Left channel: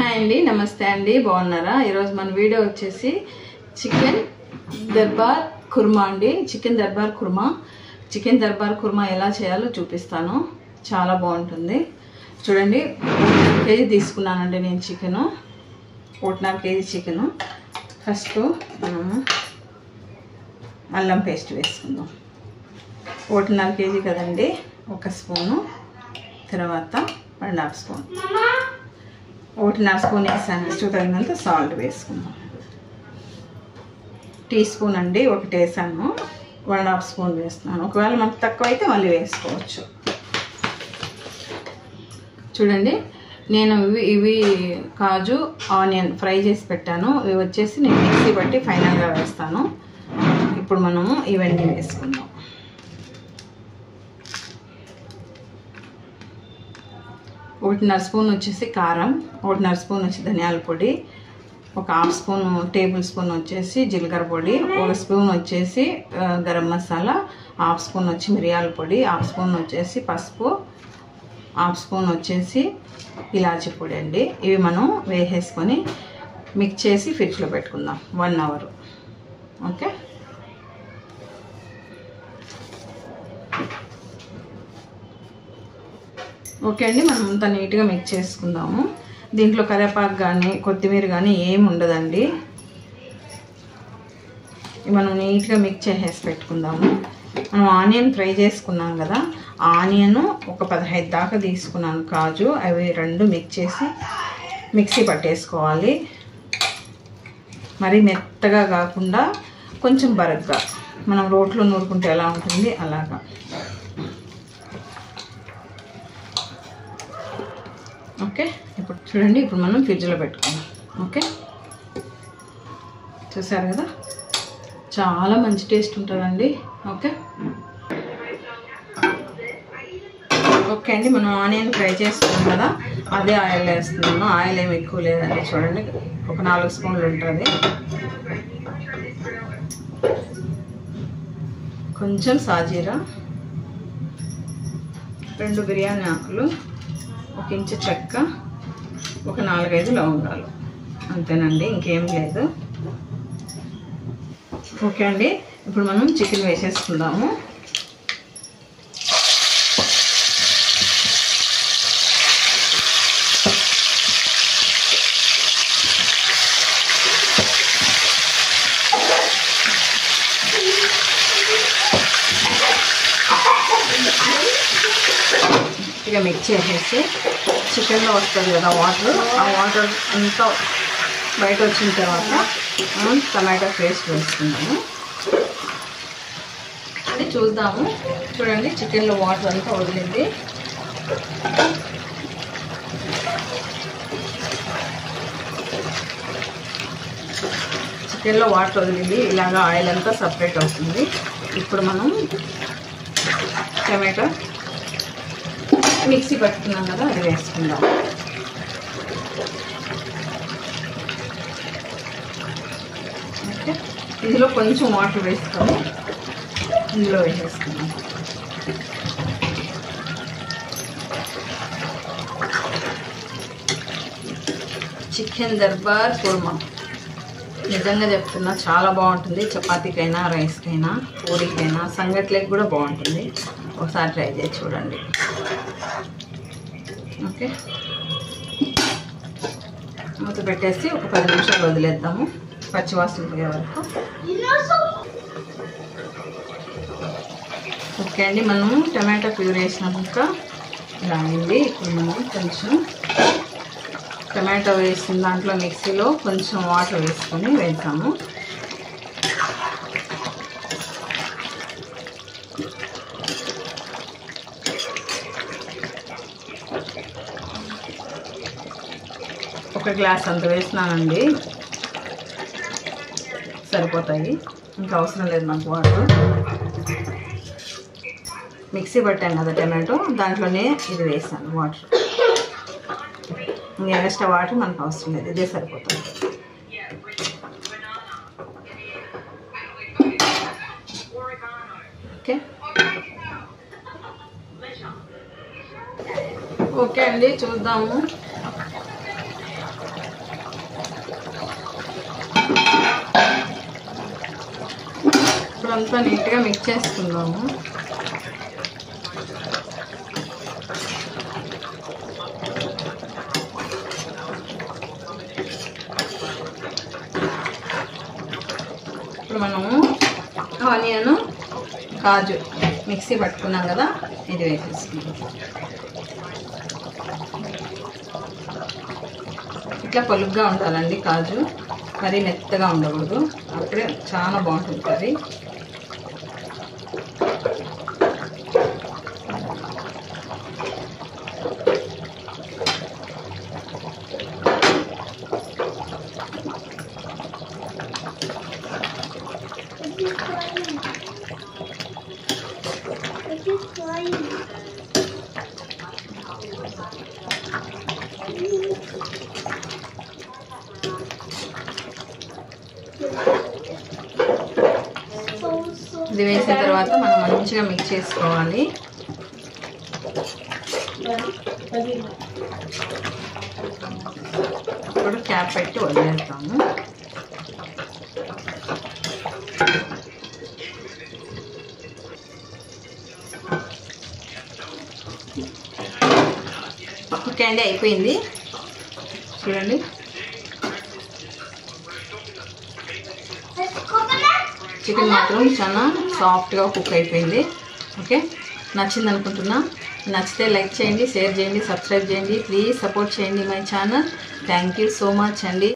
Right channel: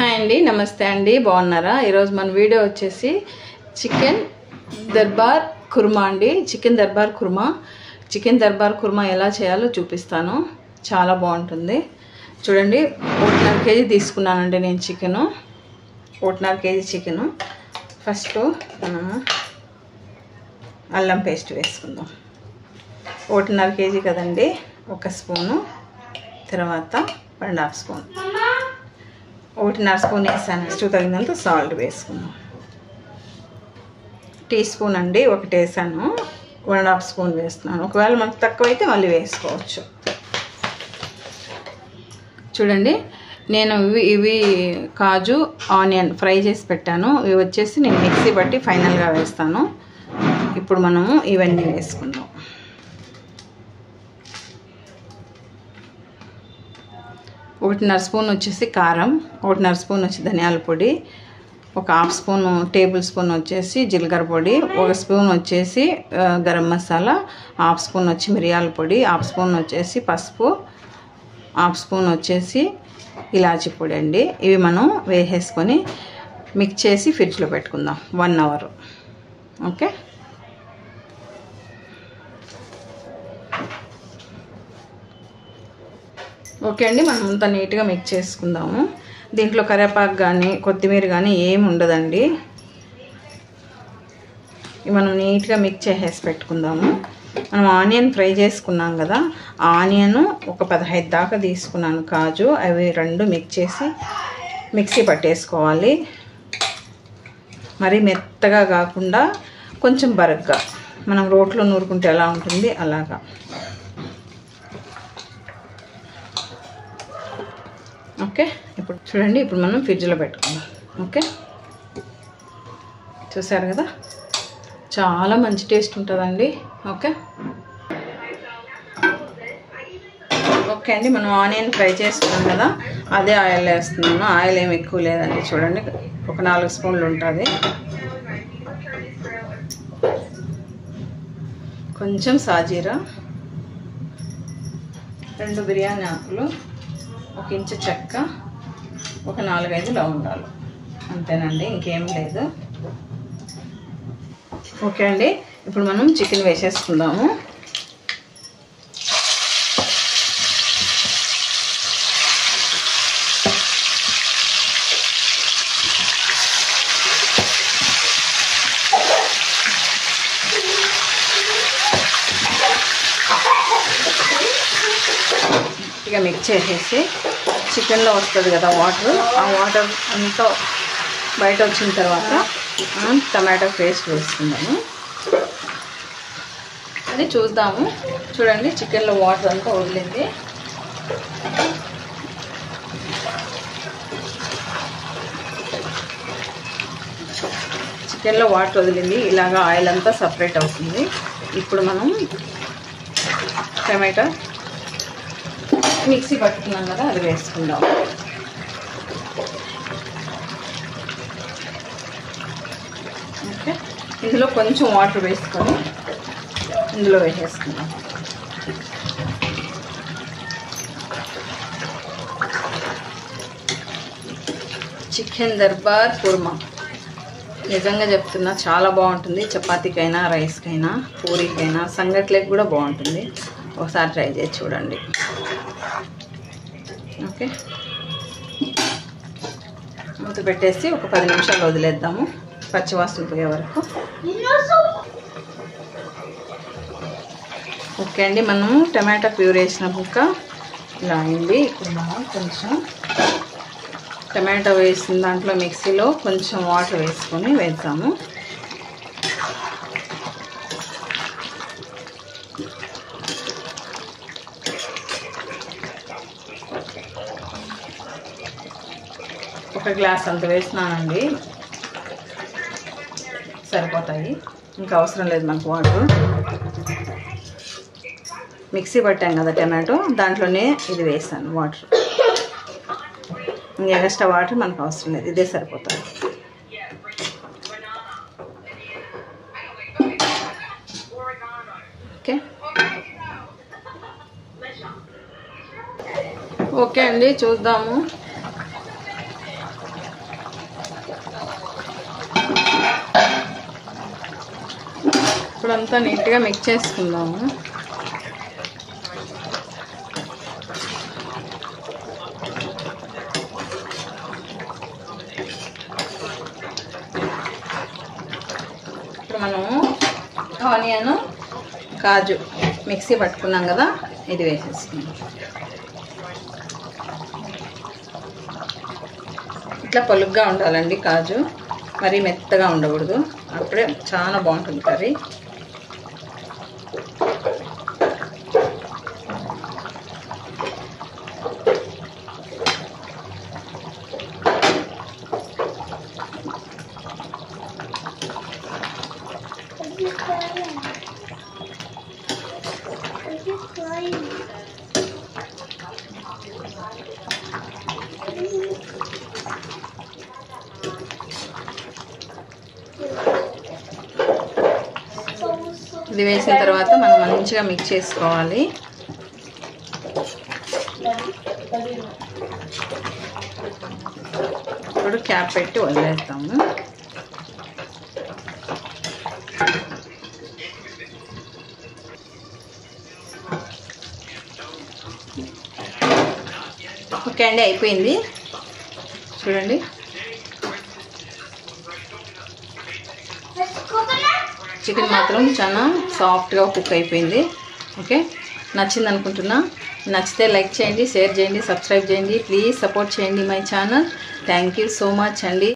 Hi అండి, నమస్తే అండి, బాగున్నారా? ఈరోజు మన వీడియో వచ్చేసి చికెన్ దర్బార్ కుర్మా అండి. చికెన్ దర్బార్ కుర్మా ఎలా చేయాలో చూపిస్తాను. చాలా బాగుంటుంది. చూడండి, 1.5 కేజీ తీసుకున్నానండి నేను చికెను. 1.5 KG chicken. ఫస్ట్ అల్లం పేస్ట్ వేసుకుందాం. 1.5 కేజీ కదండి, 1 స్పూను, తర్వాత 1.5 స్పూన్, 1.5 స్పూన్ వేసాను. నెక్స్ట్ తగినంత సాల్ట్ వేసుకుందాం. టీ స్పూన్ అండి, 1 వేసాను. 1.5 స్పూన్ వేస్తున్నాను. ఒకవేళ మనకు తక్కువ అయితే మళ్ళీ వేసుకోవచ్చు. చూడండి, నేను ఇవి కాజు ఆనియన్ ఫ్రై చేసి పెట్టాను. ఇవి వచ్చేసి నేను మిక్సీ బట్టి ఫైనల్గా వేస్తాను. ఇప్పుడు మనము ఇవన్నీ వేసుకుందాం. 1.5 స్పూన్ వచ్చేసి కారం, 1.5 స్పూన్ వచ్చి ధనియాల పొడి, 1/2 స్పూన్ టేబుల్ స్పూన్ వచ్చేసి జీలకర్ర పొడి, 1 స్పూన్ వచ్చేసి గరం మసాలా, 1/2 స్పూన్ వచ్చి మిరియాల పొడి, 1/2 స్పూన్ వచ్చేసి పసుపు, 1/2 స్పూన్ వచ్చేసి ఇలాచి పొడి అండి. ఇవి మనం వేసేసుకొని మిక్స్ చేసి ఫ్రిడ్జ్లో పెట్టుకుందాం 1 అవర్. ఓకే, ఓకే అండి. మనం అంతా నీట్గా మిక్స్ చేసుకుందాము. దీంట్లో కరివేపాకు కానీ కొత్తిమీర కానీ ఏమి ఉండదండి. మనం నీట్గా మిక్స్ చేసేసి పెట్టుకుందాము. మనం ఆనియన్ ఫ్రై చేసుకున్నాం కదా, ఆనియన్ ఒక 15 దాకా తీసుకున్నాను. కాజు అవి 2 మిక్స్ చేసి మిక్సీ పట్టేసుకోవాలి. మరి మెత్తగా కాకుండా కొంచెం బరగ్గా, మనం రోట్లో నూరుకుంటే ఎలా ఉంటుంది అలాగా. ఓకే, ఇప్పుడు చూడండి, ఇప్పుడు మనం ఫ్రిడ్జ్లో పెట్టుకుందాం. ఓకే, చూసారు కదా, చాలా మంచి టేస్ట్ ఉంటుందండి. ఓకే, ఓకే అండి. మనం ఆనియన్ ఫ్రై చేసుకున్నాం కదా, అదే ఆయిల్ వేస్తున్నాము. ఆయిల్ ఏమి ఎక్కువ లేదండి. చూడండి, ఒక 4 స్పూన్లు ఉంటుంది. కొంచెం సాజీరా, 2 బిర్యానీ ఆకులు, 1 ఇంచు చెక్క, ఒక 4-5 లవంగాలు, అంతేనండి, ఇంకేం లేదు. ఓకే అండి, ఇప్పుడు మనం చికెన్ వేసేసుకుందాము. ఇక మిక్స్ చేసేసి చికెన్లో వస్తుంది కదా వాటర్, ఆ వాటర్ అంతా బయట వచ్చిన తర్వాత మనం టమాటో పేస్ట్ వేసుకుందాము. అది చూద్దాము. చూడండి, చికెన్లో వాటర్ అంతా వదిలింది. చికెన్లో వాటర్ వదిలింది, ఇలాగా ఆయిల్ అంతా సపరేట్ అవుతుంది. ఇప్పుడు మనం టమాటో మిక్సీ పట్టుకున్నాం కదా, అది వేసుకుందాం. ఓకే, ఇందులో కొంచెం వాటర్ వేసుకొని ఇందులో వేసేసుకుందాం. చికెన్ దర్బార్ కుర్మా నిజంగా చెప్తున్నా, చాలా బాగుంటుంది. చపాతీకైనా, రైస్కైనా, పూరీకైనా, సంగట్లేకి కూడా బాగుంటుంది. ఒకసారి ట్రై చేసి చూడండి. ఓకే, మూత పెట్టేసి ఒక 10 నిమిషాలు వదిలేద్దాము, పచ్చివాసన పోయే వరకు. ఓకే అండి, మనము టమాటా ప్యూరీ వేసినాక ఇలా అయింది. ఇప్పుడు మనం కొంచెం టమాటా వేసిన దాంట్లో మిక్సీలో కొంచెం వాటర్ వేసుకొని వేద్దాము. ఒక గ్లాస్ అంత వేసినానండి, సరిపోతాయి. ఇంకా అవసరం లేదు నాకు వాటర్. మిక్సీ పట్టాం కదా టమాటో, దాంట్లోనే ఇది వేసాను వాటర్. ఇంకా ఎక్స్ట్రా వాటర్ మనకు అవసరం లేదు, ఇదే సరిపోతుంది. ఓకే, ఓకే అండి, చూద్దాము. ఇప్పుడంతా నీట్గా మిక్స్ చేసుకుందాము. ఇప్పుడు మనము ఆనియన్ కాజు మిక్సీ పట్టుకున్నాం కదా, ఇది వేసేసుకుందాం. ఇట్లా పలుగ్గా ఉండాలండి కాజు, మరీ మెత్తగా ఉండకూడదు, అప్పుడే చాలా బాగుంటుంది కర్రీ. ఇది వేసిన తర్వాత మనం మంచిగా మిక్స్ చేసుకోవాలి. ఇప్పుడు క్యాప్ పెట్టి వదిలేస్తాము. ఓకే అండి, అయిపోయింది చూడండి. చికెన్ మాత్రం చాలా సాఫ్ట్గా కుక్ అయిపోయింది. ఓకే, నచ్చింది అనుకుంటున్నా. నచ్చితే లైక్ చేయండి, షేర్ చేయండి, సబ్స్క్రైబ్ చేయండి. ప్లీజ్ సపోర్ట్ చేయండి my channel. Thank you so much అండి.